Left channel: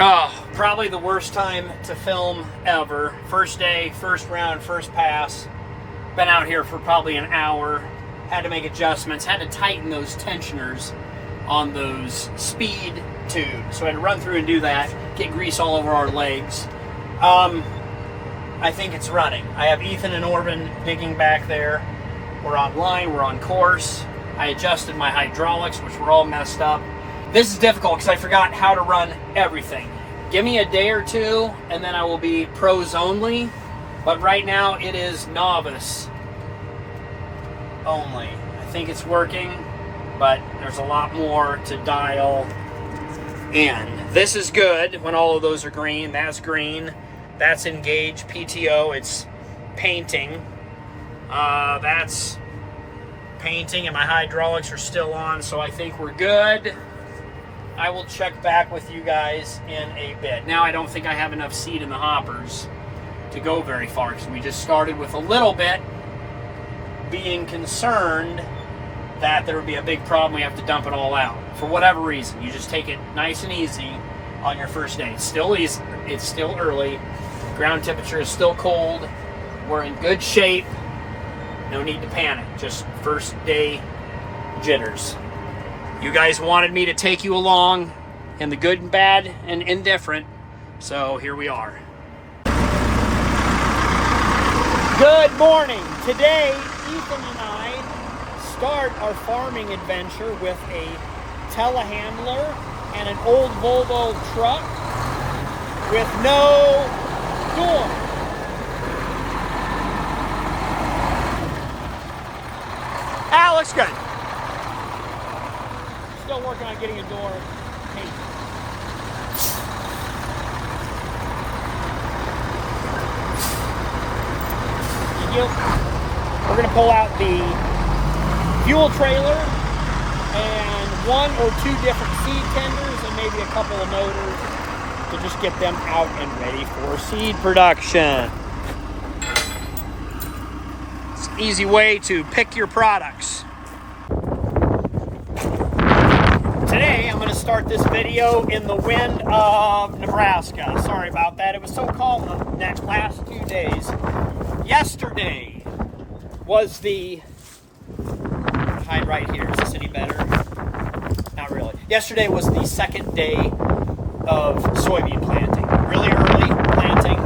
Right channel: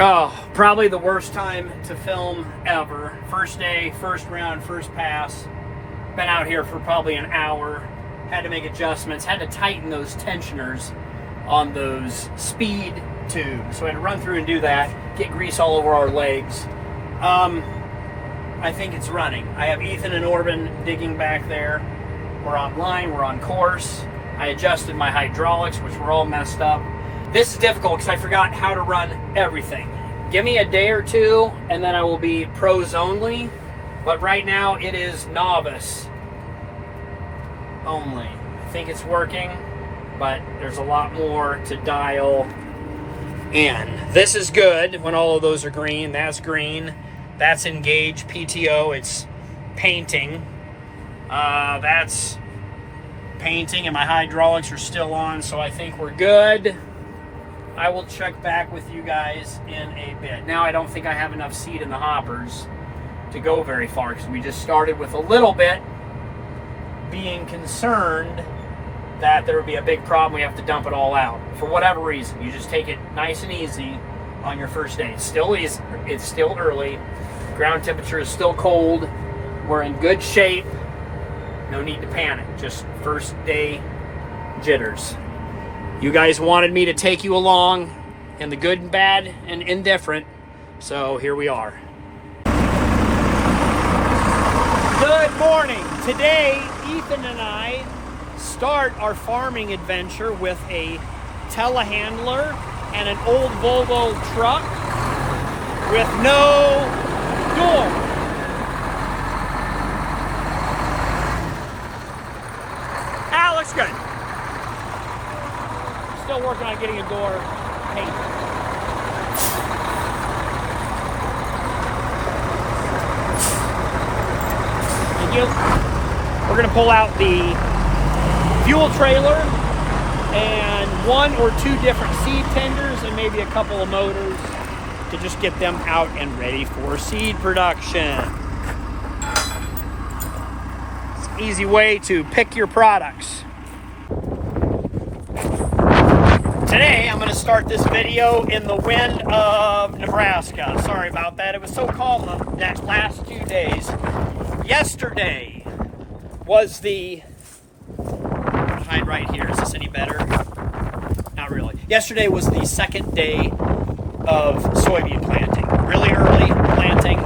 Oh, probably the worst time to film ever. First day, first round, first pass. Been out here for probably an hour. Had to make adjustments. Had to tighten those tensioners on those speed tubes. So I had to run through and do that. Get grease all over our legs. I think it's running. I have Ethan and Orban digging back there. We're online. We're on course. I adjusted my hydraulics, which were all messed up. This is difficult because I forgot how to run everything. Give me a day or two and then I will be pros only. But right now it is novice only. I think it's working, but there's a lot more to dial in. This is good when all of those are green. That's green. That's engage PTO. It's painting. That's painting, and my hydraulics are still on, so I think we're good. I will check back with you guys in a bit. Now I don't think I have enough seed in the hoppers to go very far because we just started with a little bit, being concerned that there would be a big problem. We have to dump it all out for whatever reason. You just take it nice and easy on your first day. It's still easy. It's still early. Ground temperature is still cold. We're in good shape. No need to panic. Just first day jitters. You guys wanted me to take you along in the good and bad and indifferent, so here we are. Good morning. Today, Ethan and I start our farming adventure with a telehandler and an old Volvo truck with no door. Ah, looks good. Still working on getting a door painted. We're going to pull out the fuel trailer and one or two different seed tenders and maybe a couple of motors to just get them out and ready for seed production. It's an easy way to pick your products. Today, I'm going to start this video in the wind of Nebraska. Sorry about that. It was so calm the last 2 days. Yesterday was the... hide right here. Is this any better? Not really. Yesterday was the second day of soybean planting. Really early planting,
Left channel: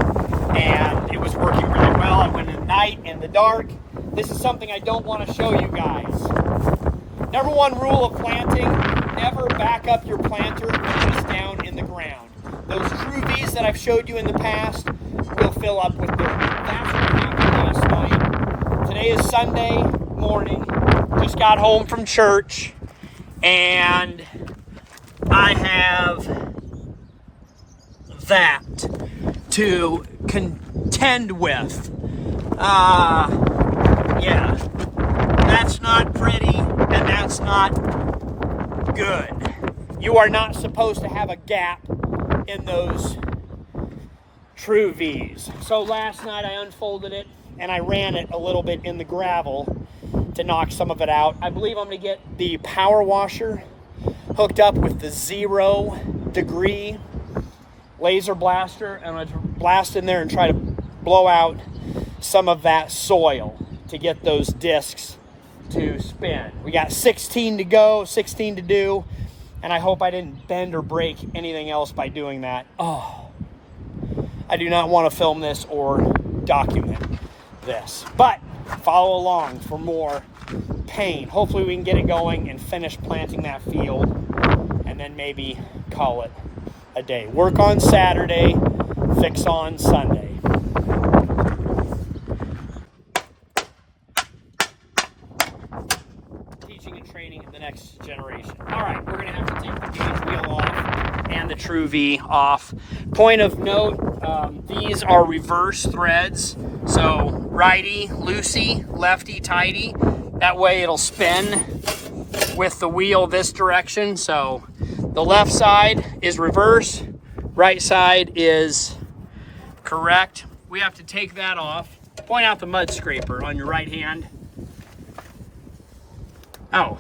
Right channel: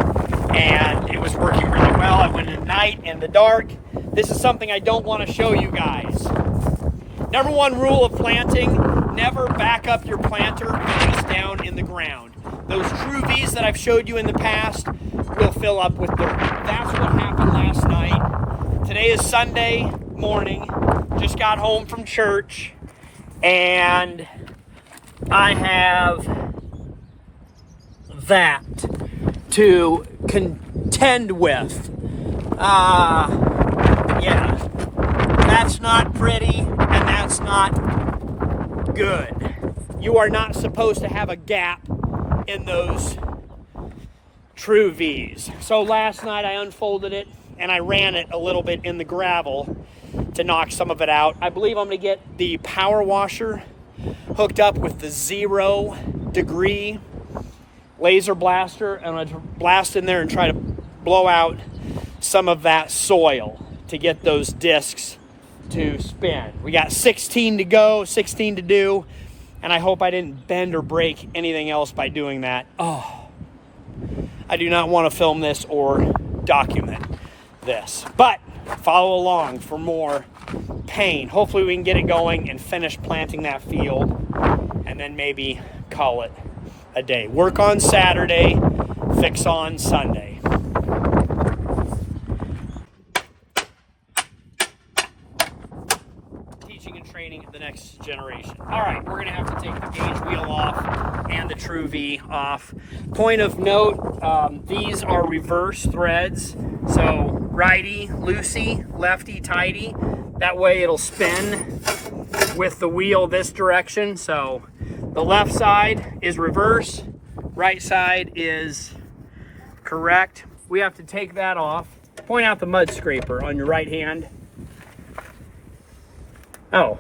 and it was working really well. I went at night in the dark. This is something I don't want to show you guys. Number one rule of planting, never back up your planter just down in the ground. Those true V's that I've showed you in the past will fill up with dirt. That's what happened last night. Today is Sunday morning. Just got home from church, and I have that to contend with. Yeah, that's not pretty, and that's not good. You are not supposed to have a gap in those true V's. So last night I unfolded it and I ran it a little bit in the gravel to knock some of it out. I believe I'm going to get the power washer hooked up with the 0 degree laser blaster, and I'm going to blast in there and try to blow out some of that soil to get those discs to spin. We got 16 to go, 16 to do, and I hope I didn't bend or break anything else by doing that. Oh, I do not want to film this or document this, but follow along for more pain. Hopefully we can get it going and finish planting that field, and then maybe call it a day. Work on Saturday, fix on Sunday. Teaching and training the next generation. All right, we're going to have to take the gauge wheel off and the True V off. Point of note, these are reverse threads. So righty, loosey, lefty, tighty. That way it'll spin with the wheel this direction. So the left side is reverse, right side is correct. We have to take that off. Point out the mud scraper on your right hand. Oh,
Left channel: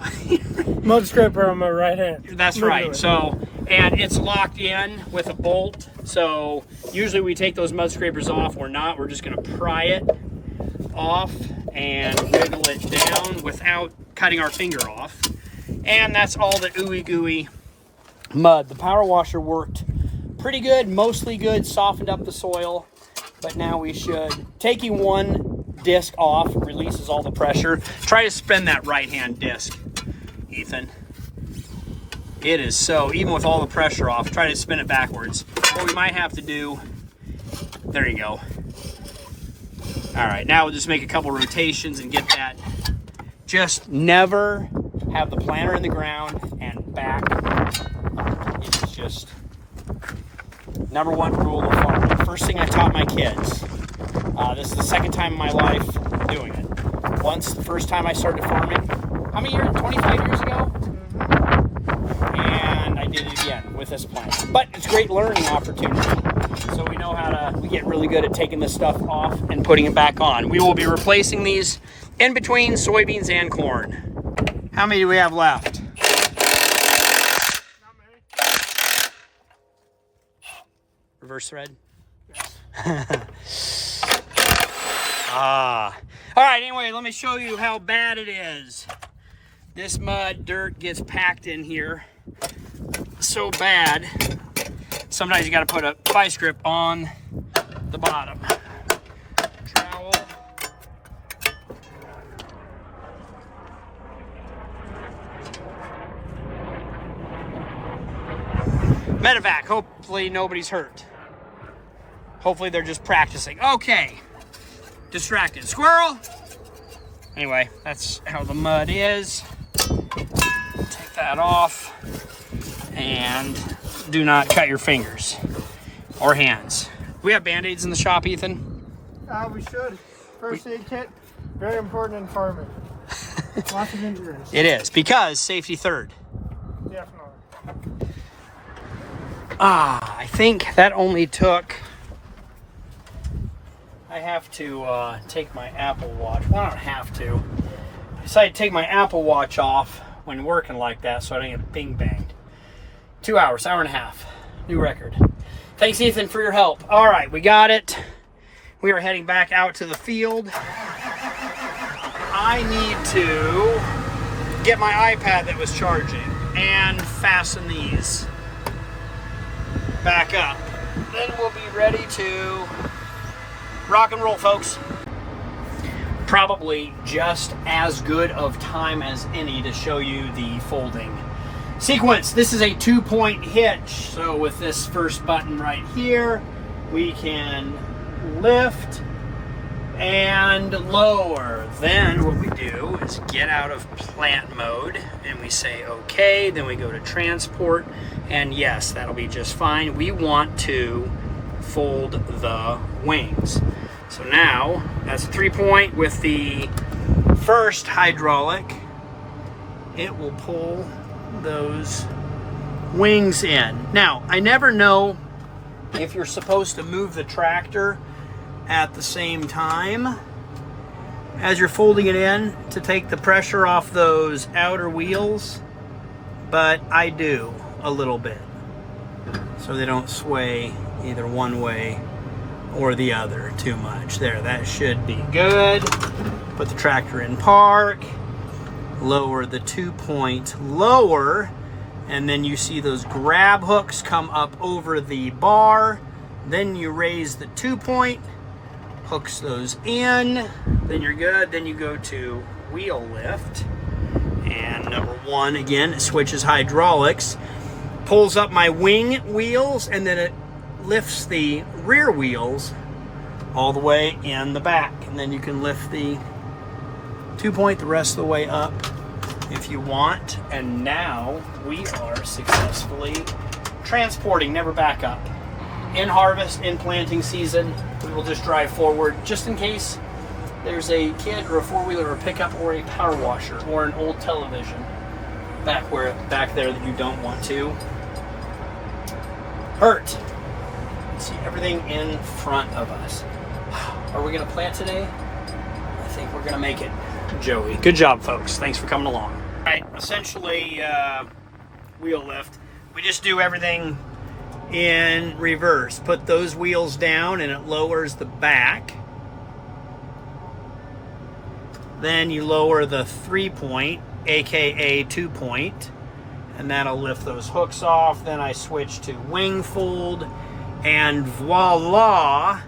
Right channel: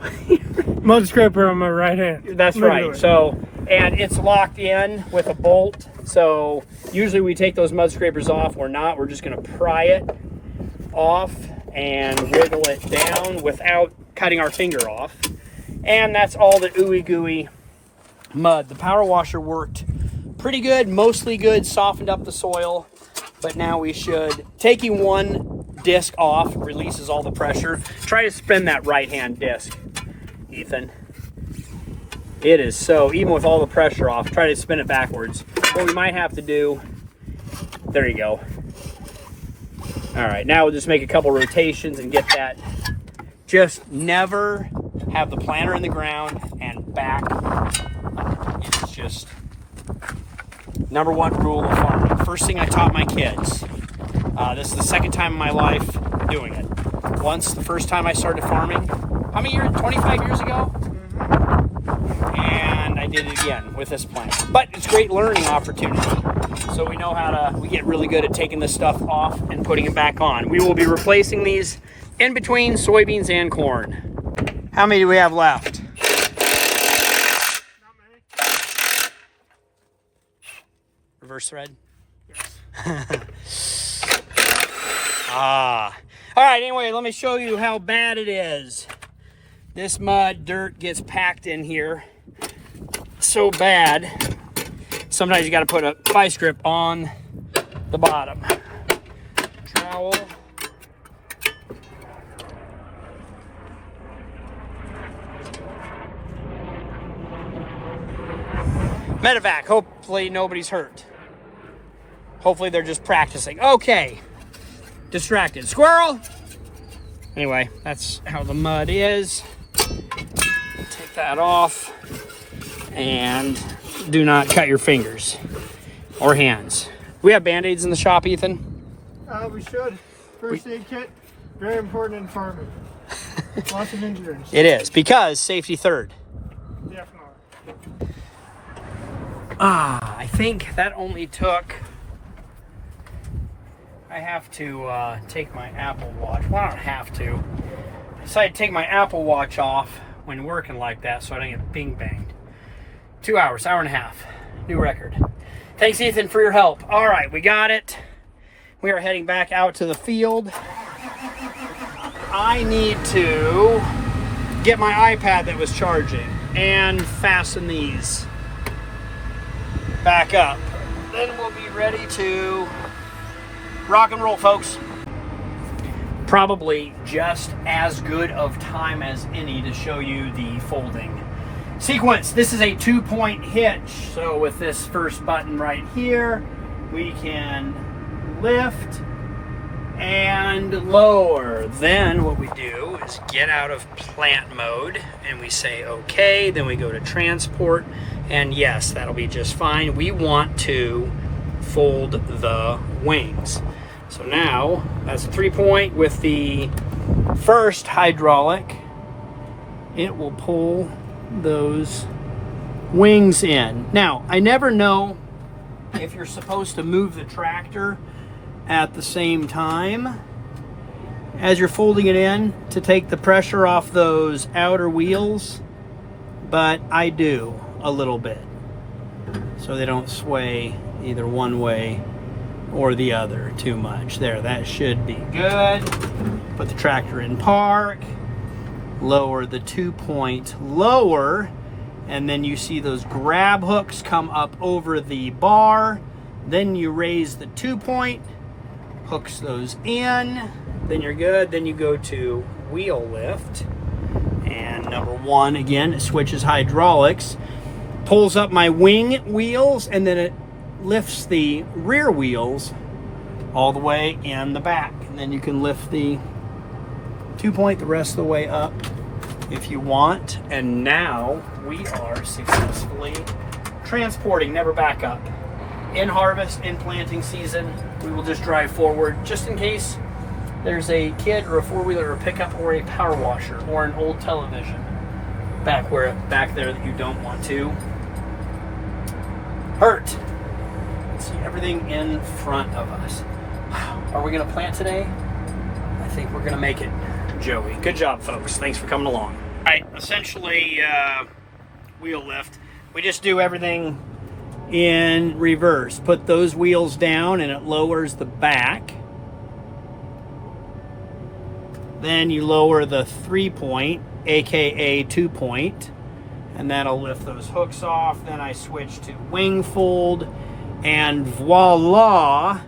Mud scraper in my right hand. That's right. So, and it's locked in with a bolt. So usually we take those mud scrapers off or not. We're just going to pry it off and wiggle it down without cutting our finger off. And that's all the ooey gooey mud. The power washer worked pretty good, mostly good, softened up the soil. But now we should, taking one disc off releases all the pressure. Try to spin that right hand disc, Ethan. It is so, even with all the pressure off, try to spin it backwards. What we might have to do, there you go. All right, now we'll just make a couple rotations and get that. Just never have the planter in the ground and back. It is just #1 rule of farming. First thing I taught my kids. This is the second time in my life doing it. Once, the first time I started farming, how many years? 25 years ago? And I did it again with this plant. But it's a great learning opportunity. So we know how to, we get really good at taking this stuff off and putting it back on. We will be replacing these in between soybeans and corn. How many do we have left? Not many. Reverse thread? Yes. All right, anyway, let me show you how bad it is. This mud, dirt gets packed in here so bad. Sometimes you got to put a vice grip on the bottom. Trowel. Medevac, hopefully nobody's hurt. Hopefully they're just practicing. Okay, distracted. Squirrel! Anyway, that's how the mud is. Take that off. And do not cut your fingers or hands. We have Band-Aids in the shop, Ethan? We should. First aid kit, very important in farming. Lots of injuries. It is, because safety third. Definitely. I think that only took... I have to take my Apple Watch. Well, I don't have to. I decided to take my Apple Watch off when working like that so I don't get bing banged. 2 hours, hour and a half. New record. Thanks, Ethan, for your help. All right, we got it. We are heading back out to the field. I need to get my iPad that was charging and fasten these back up. Then we'll be ready to rock and roll, folks. Probably just as good of time as any to show you the folding sequence. This is a 2-point hitch. So with this first button right here, we can lift and lower. Then what we do is get out of plant mode and we say okay. Then we go to transport, and yes, that'll be just fine. We want to fold the wings. So now that's a 3-point. With the first hydraulic, it will pull those wings in. Now, I never know if you're supposed to move the tractor at the same time as you're folding it in to take the pressure off those outer wheels, but I do a little bit so they don't sway either one way or the other too much. There, that should be good. Put the tractor in park, lower the 2-point lower, and then you see those grab hooks come up over the bar. Then you raise the 2-point, hooks those in, then you're good. Then you go to wheel lift, and #1 again, it switches hydraulics, pulls up my wing wheels, and then it lifts the rear wheels all the way in the back, and then you can lift the 2-point the rest of the way up if you want. And now we are successfully transporting. Never back up. In harvest, in planting season, we will just drive forward just in case there's a kid or a 4-wheeler or a pickup or a power washer or an old television back there that you don't want to hurt. See everything in front of us. Are we going to plant today? I think we're going to make it, Joey. Good job, folks. Thanks for coming along. Right, essentially wheel lift. We just do everything in reverse. Put those wheels down and it lowers the back. Then you lower the 3-point, aka 2-point, and that'll lift those hooks off. Then I switch to wing fold, and voila,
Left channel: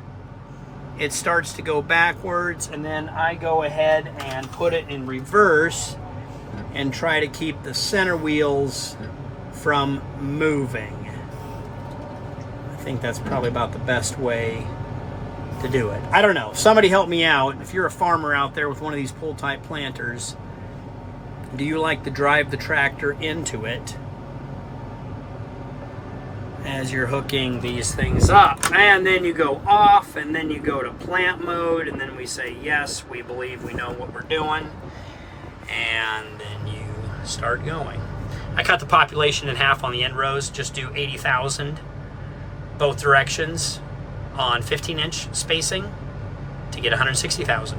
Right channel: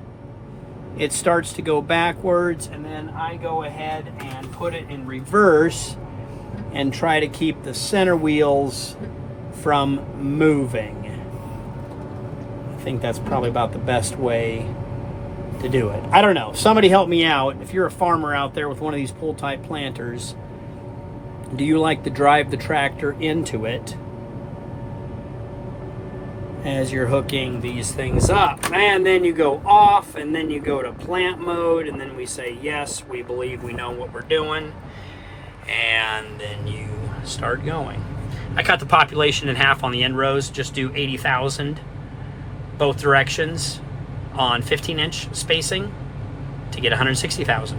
it starts to go backwards, and then I go ahead and put it in reverse and try to keep the center wheels from moving. I think that's probably about the best way to do it. I don't know. Somebody help me out. If you're a farmer out there with one of these pull-type planters, do you like to drive the tractor into it as you're hooking these things up? And then you go off, and then you go to plant mode, and then we say, yes, we believe we know what we're doing. And then you start going. I cut the population in half on the end rows, just do 80,000 both directions on 15-inch spacing to get 160,000.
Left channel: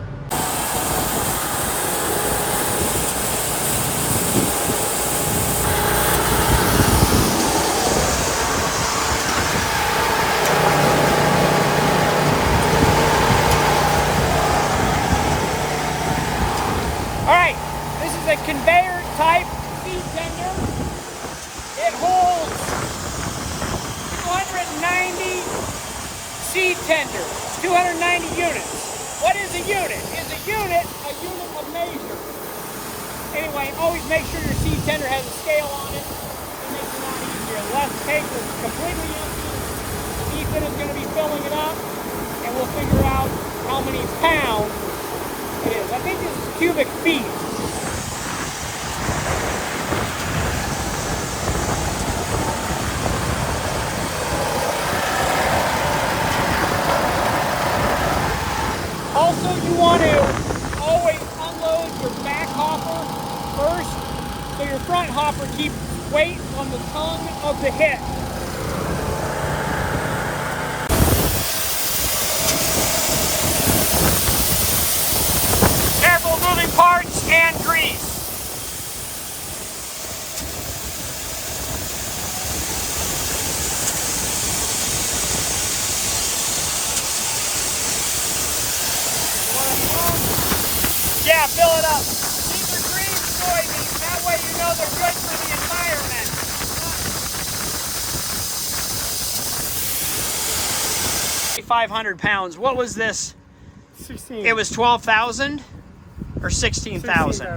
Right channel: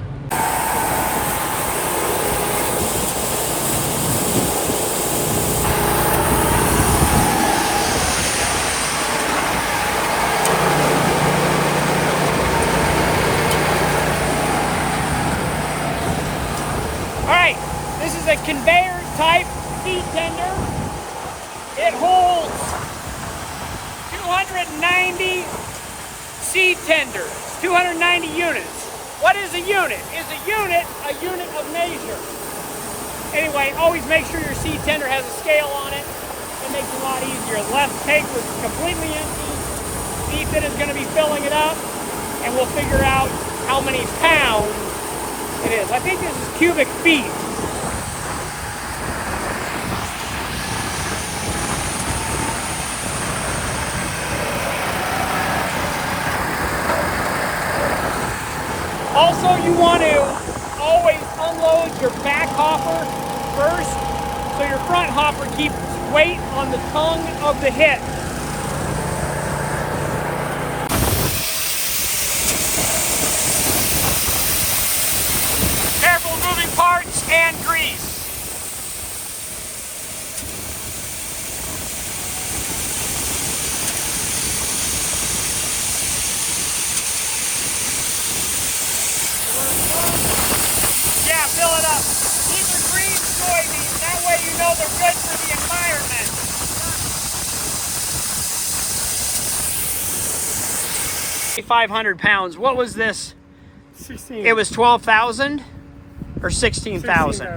All right, this is a conveyor type seed tender. It holds 290 seed tenders, 290 units. What is a unit? Is a unit of measure? Anyway, always make sure your seed tender has a scale on it. It makes it a lot easier. The left tank was completely empty. Ethan is going to be filling it up, and we'll figure out how many pounds it is. I think it's cubic feet. Also, you want to always unload your back hopper first, so your front hopper keeps weight on the tongue of the hitch. Careful moving parts and grease. Yeah, fill it up. These are green soybeans. That way you know they're good for the environment. 500 pounds. What was this? 16. It was 12,000 or 16,000.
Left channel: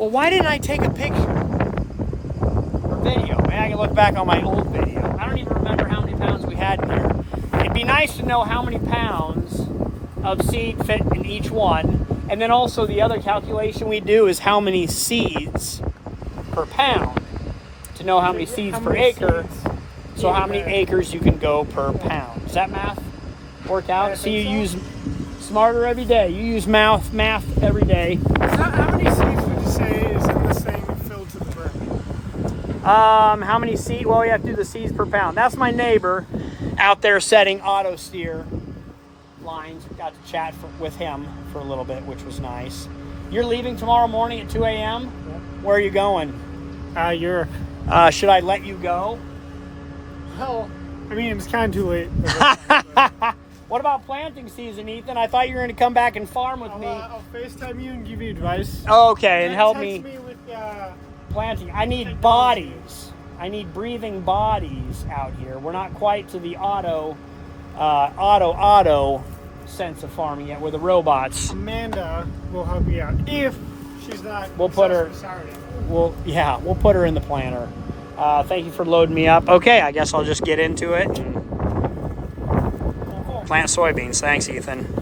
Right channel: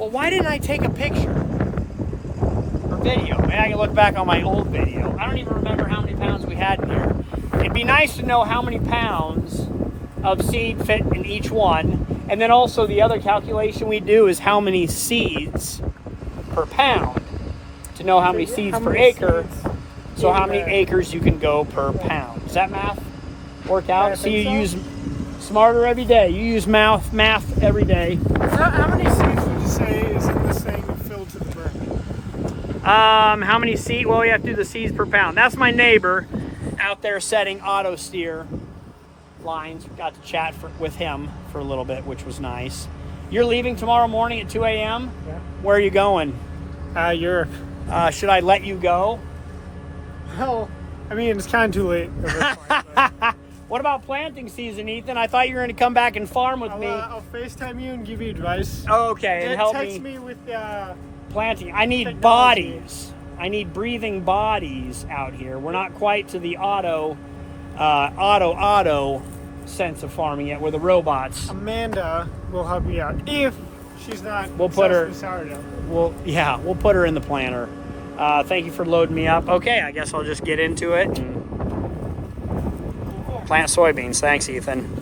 Well, why didn't I take a picture or video? Maybe I can look back on my old video. I don't even remember how many pounds we had in here. It'd be nice to know how many pounds of seed fit in each one. And then also the other calculation we do is how many seeds per pound to know how many seeds per acre. So how many acres you can go per pound. Does that math work out? See, you use smarter every day. You use math every day. How many seeds would you say is in this thing filled to the brim? How many seeds? Well, you have to do the seeds per pound. That's my neighbor out there setting auto steer lines. Got to chat with him for a little bit, which was nice. You're leaving tomorrow morning at 2 a.m.? Yeah. Where are you going? Europe. Should I let you go? Hell, I mean, it's kind of too late. What about planting season, Ethan? I thought you were going to come back and farm with me. I'll FaceTime you and give you advice. Okay, and help text me with planting. I need technology. bodies. I need breathing bodies out here. We're not quite to the auto sense of farming yet. We're the robots. Amanda will help you out if she's not. We'll put her. Sourdough. We'll put her in the planter. Thank you for loading me up. Okay, I guess I'll just get into it and plant soybeans. Thanks, Ethan.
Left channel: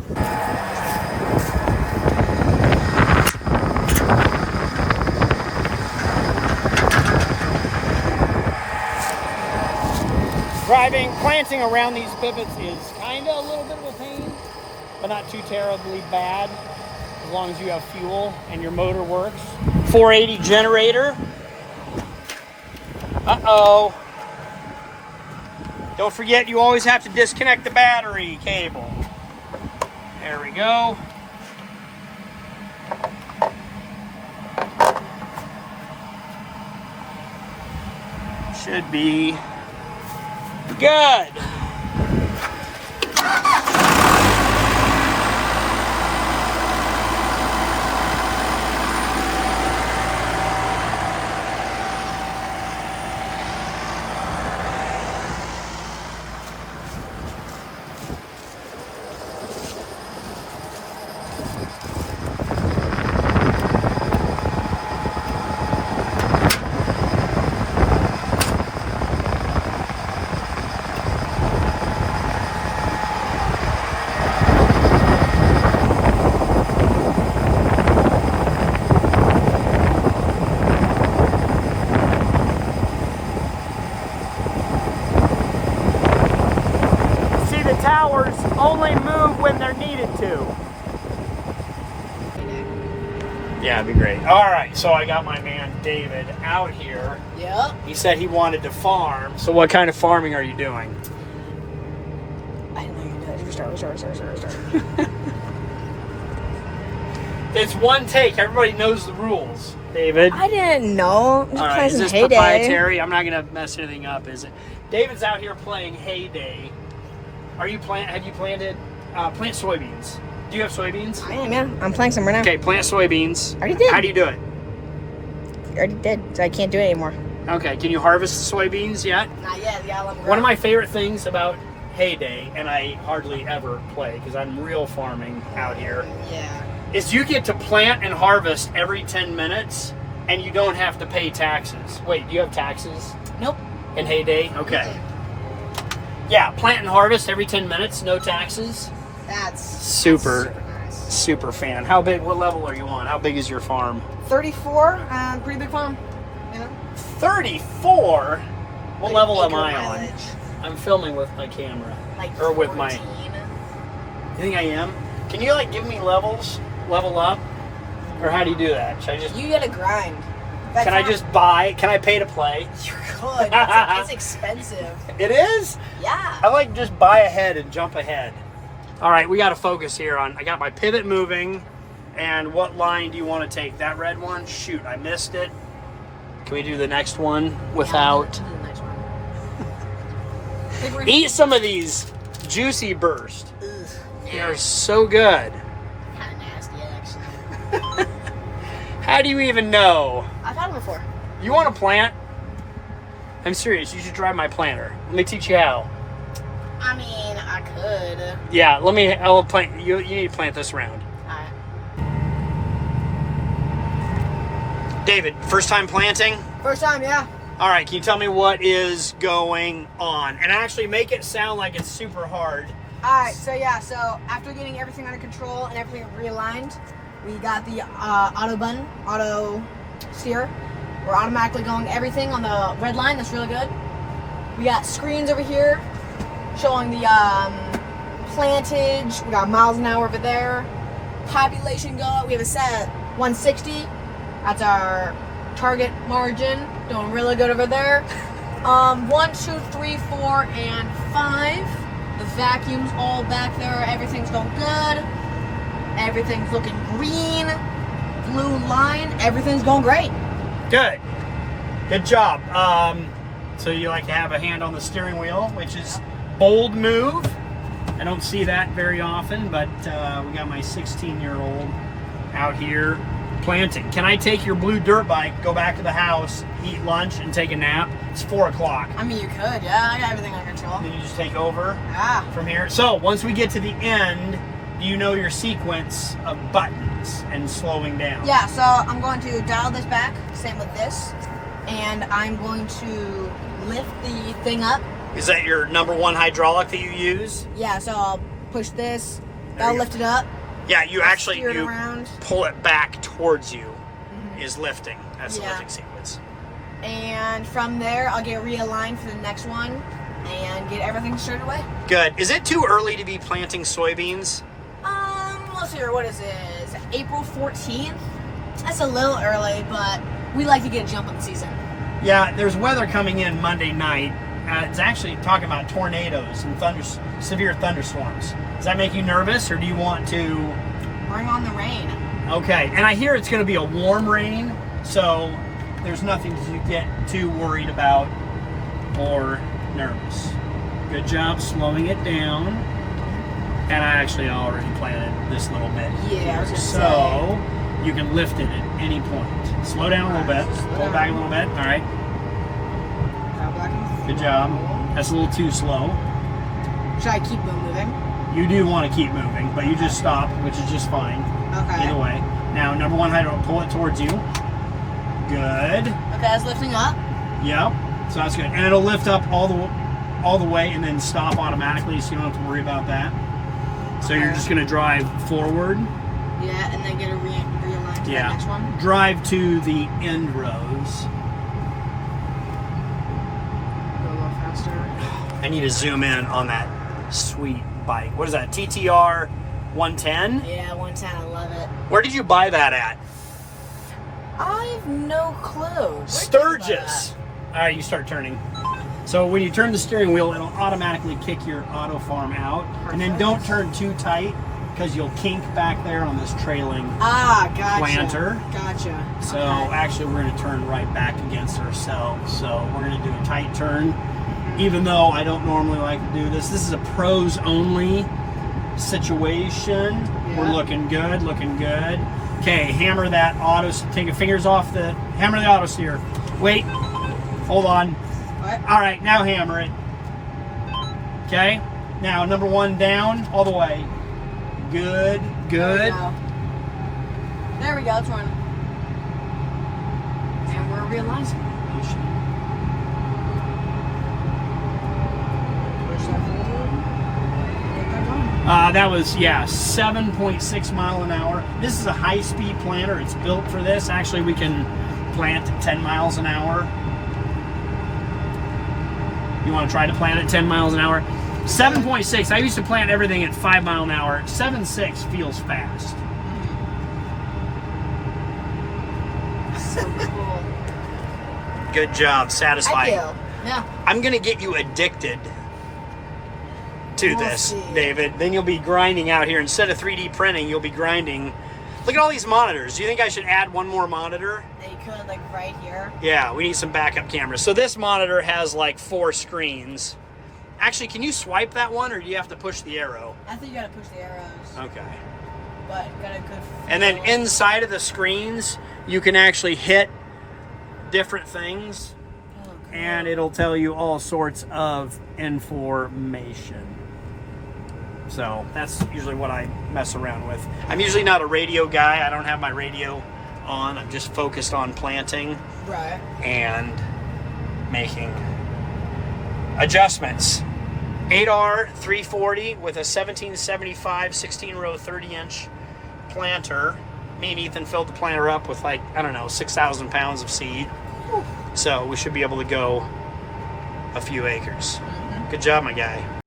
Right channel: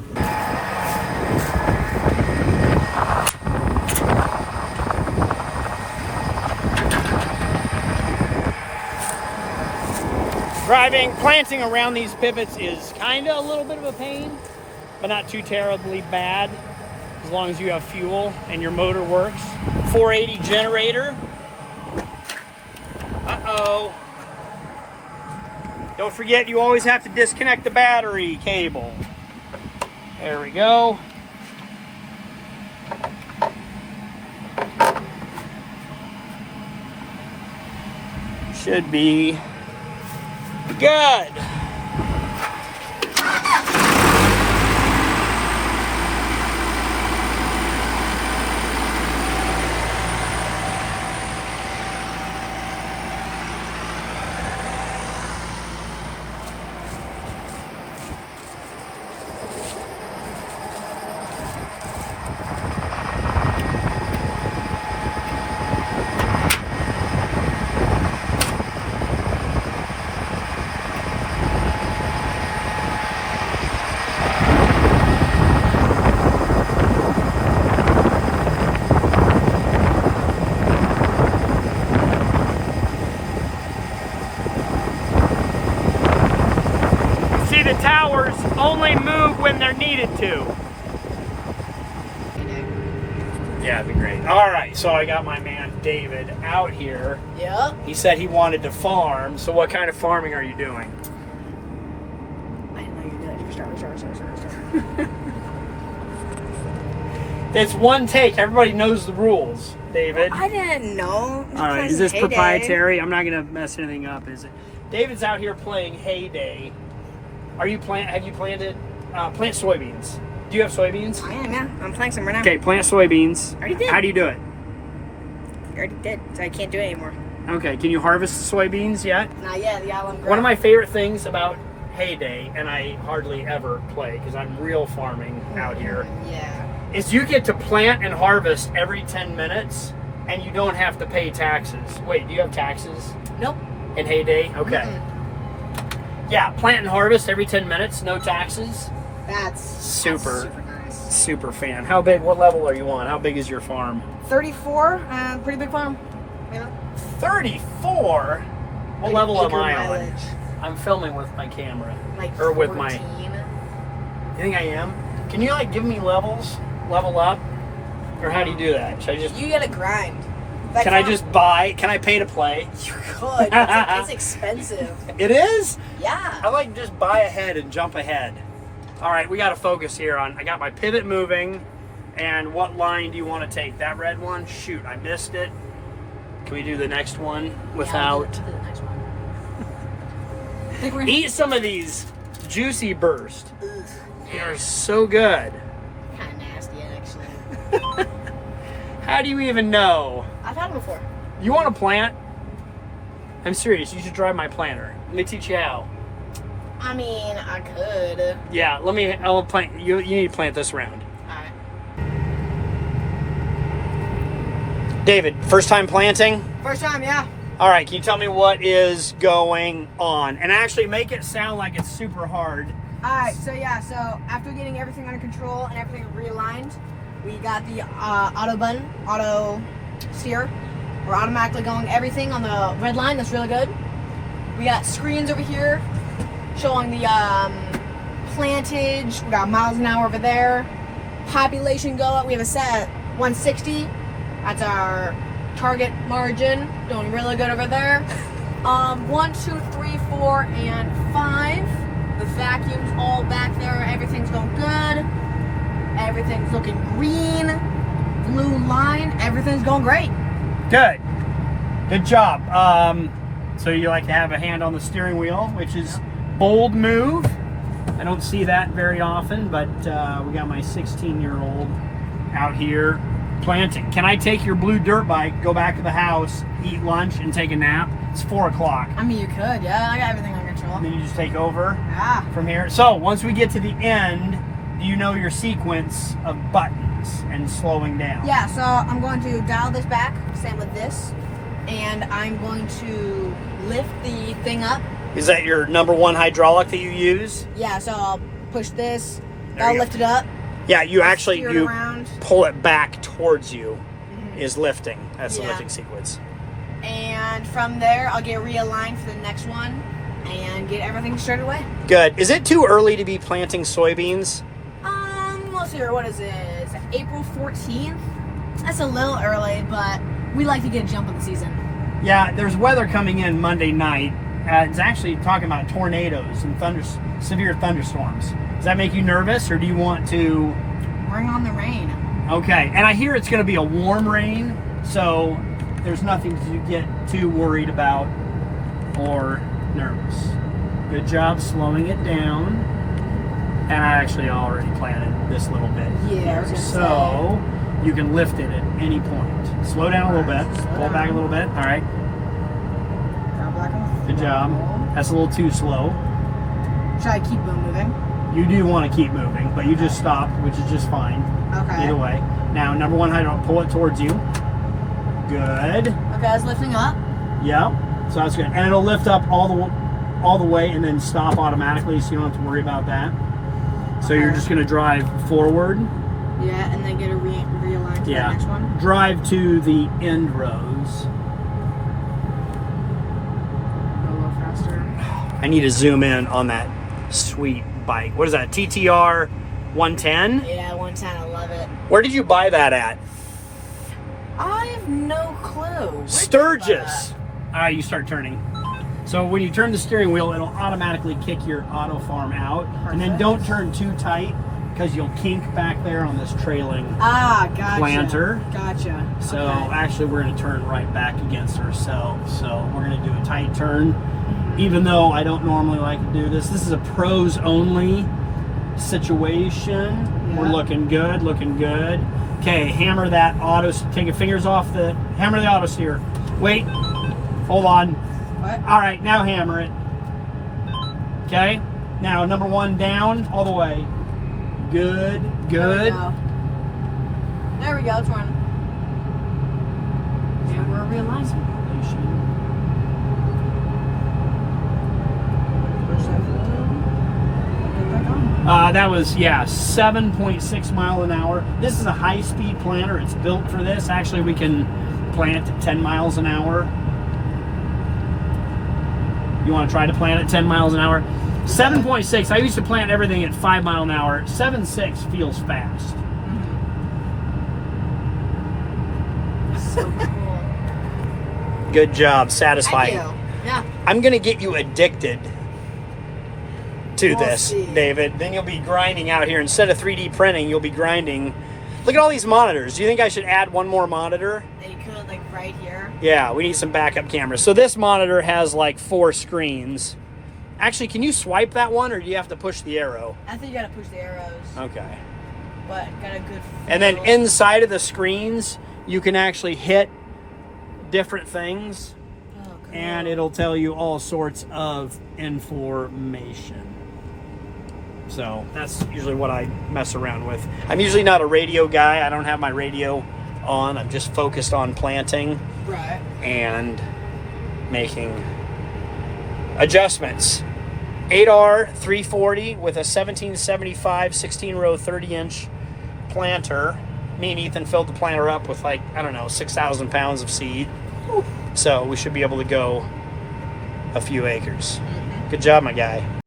Planting around these pivots is kind of a little bit of a pain, but not too terribly bad as long as you have fuel and your motor works. 480 generator. Uh-oh. Don't forget, you always have to disconnect the battery cable. There we go. Should be good. Towers only move when they're needed to. Yeah, it'd be great. All right, so I got my man David out here. Yep. He said he wanted to farm. So what kind of farming are you doing? I didn't know you did. Sorry. It's one take. Everybody knows the rules, David. I didn't know. All right, is this proprietary? I'm not gonna mess anything up, is it? David's out here playing Heyday. Have you planted plant soybeans? Do you have soybeans? I am, yeah. I'm planting some right now. Okay, plant soybeans. I already did. How do you do it? I already did, so I can't do it anymore. Okay, can you harvest the soybeans yet? Not yet. One of my favorite things about Heyday, and I hardly ever play because I'm real farming out here, Yeah. is you get to plant and harvest every 10 minutes and you don't have to pay taxes. Wait, do you have taxes Nope. in Heyday? Okay. Yeah, plant and harvest every 10 minutes, no taxes. That's Super nice. Super fan. How big, what level are you on? How big is your farm? 34, pretty big farm. You know? 34? What level am I on? mileage. I'm filming with my camera. Like or with 14. my... You think I am? Can you like give me levels? Level up? Or how do you do that? Should I just... You gotta grind. Can I just buy? Can I pay to play? You could. It's expensive. It is? Yeah. I like just buy ahead and jump ahead. All right, we got to focus here on, I got my pivot moving, and what line do you want to take? That red one? Shoot, I missed it. Can we do the next one without? Do the next one. Eat some of these juicy burst. Ugh. They're so good. Kind of nasty, actually. How do you even know? I've had them before. You want to plant? I'm serious, you should drive my planter. Let me teach you how. I mean, I could. Yeah, I'll plant, you need to plant this round. Alright. David, first time planting? First time, yeah. All right, can you tell me what is going on? And actually make it sound like it's super hard. Alright, so after getting everything under control and everything realigned, we got the auto steer. We're automatically going everything on the red line. That's really good. We got screens over here showing the plantage. We got miles an hour over there. Population go up. We have a set 160. That's our target margin. Doing really good over there. 1, 2, 3, 4, and 5. The vacuum's all back there. Everything's going good. Everything's looking green. Blue line. Everything's going great. Good. Good job. So you like to have a hand on the steering wheel, which is bold move. I don't see that very often, but we got my 16-year-old out here planting. Can I take your blue dirt bike, go back to the house, eat lunch, and take a nap? It's 4 o'clock. I mean, you could, yeah. I got everything under control. And then you just take over Yeah. from here. So once we get to the end, do you know your sequence of buttons and slowing down? Yeah, so I'm going to dial this back, same with this, and I'm going to lift the thing up. Is that your #1 hydraulic that you use? Yeah, so I'll push this, There I'll you lift it up. Yeah, you I'll actually, steer it you around. pull it back towards you is lifting. That's the Yeah. lifting sequence. And from there, I'll get realigned for the next one and get everything started away. Good. Is it too early to be planting soybeans? Let's see here, what is it? Is it April 14th? That's a little early, but we like to get a jump on the season. Yeah, there's weather coming in Monday night. It's actually talking about tornadoes and severe thunderstorms. Does that make you nervous, or do you want to? Bring on the rain. Okay, and I hear it's going to be a warm rain, so there's nothing to get too worried about or nervous. Good job slowing it down. And I actually already planted this little bit. Yeah, I was gonna so you can lift it at any point. Slow down a little bit. Pull it back a little bit. All right. Good job. That's a little too slow. Should I keep moving? You do want to keep moving, but you just stop, which is just fine. Okay. Either way. Now, number one hydrant, pull it towards you. Good. Okay, it's lifting up. Yep. So that's good. And it'll lift up all the way and then stop automatically, so you don't have to worry about that. So you're just going to drive forward. Yeah, and then get a realigned to the next one. Drive to the end rows. Go a little faster. I need to zoom in on that sweet bike. What is that? TTR 110? Yeah, 110. I love it. Where did you buy that at? I have no clue. Where did you buy Sturgis. All right, you start turning. So when you turn the steering wheel, it'll automatically kick your auto farm out. And then don't turn too tight because you'll kink back there on this trailing gotcha. planter. Gotcha. So Okay. actually we're going to turn right back against ourselves. So we're going to do a tight turn. Even though I don't normally like to do this. This is a pros only situation. Yeah. We're looking good, looking good. Okay, hammer that auto, take your fingers off the, hammer the auto steer. Wait, hold on. What? All right, now hammer it. Okay, now number one down, all the way. Good, good. There we go, it's running. And we're realizing. That was, 7.6 mile an hour. This is a high-speed planter. It's built for this. Actually, we can plant at 10 miles an hour. You want to try to plant at 10 miles an hour? 7.6. I used to plant everything at 5 mile an hour. 7.6 feels fast. So cool. Good job. Satisfying. I do. Yeah. I'm going to get you addicted to We'll this, see. David. Then you'll be grinding out here. Instead of 3D printing, you'll be grinding. Look at all these monitors. Do you think I should add one more monitor? They could, like, right here. Yeah, we need some backup cameras. So this monitor has like 4 screens. Actually, can you swipe that one, or do you have to push the arrow? I think you gotta push the arrows. Okay. But got a good And then feel. inside of the screens, you can actually hit different things, Oh, cool. and it'll tell you all sorts of information. So that's usually what I mess around with. I'm usually not a radio guy. I don't have my radio on. I'm just focused on planting Right. and making adjustments. 8R 340 with a 1775 16 row 30-inch planter. Me and Ethan filled the planter up with, like, I don't know, 6,000 pounds of seed. So we should be able to go a few acres. Good job, my guy.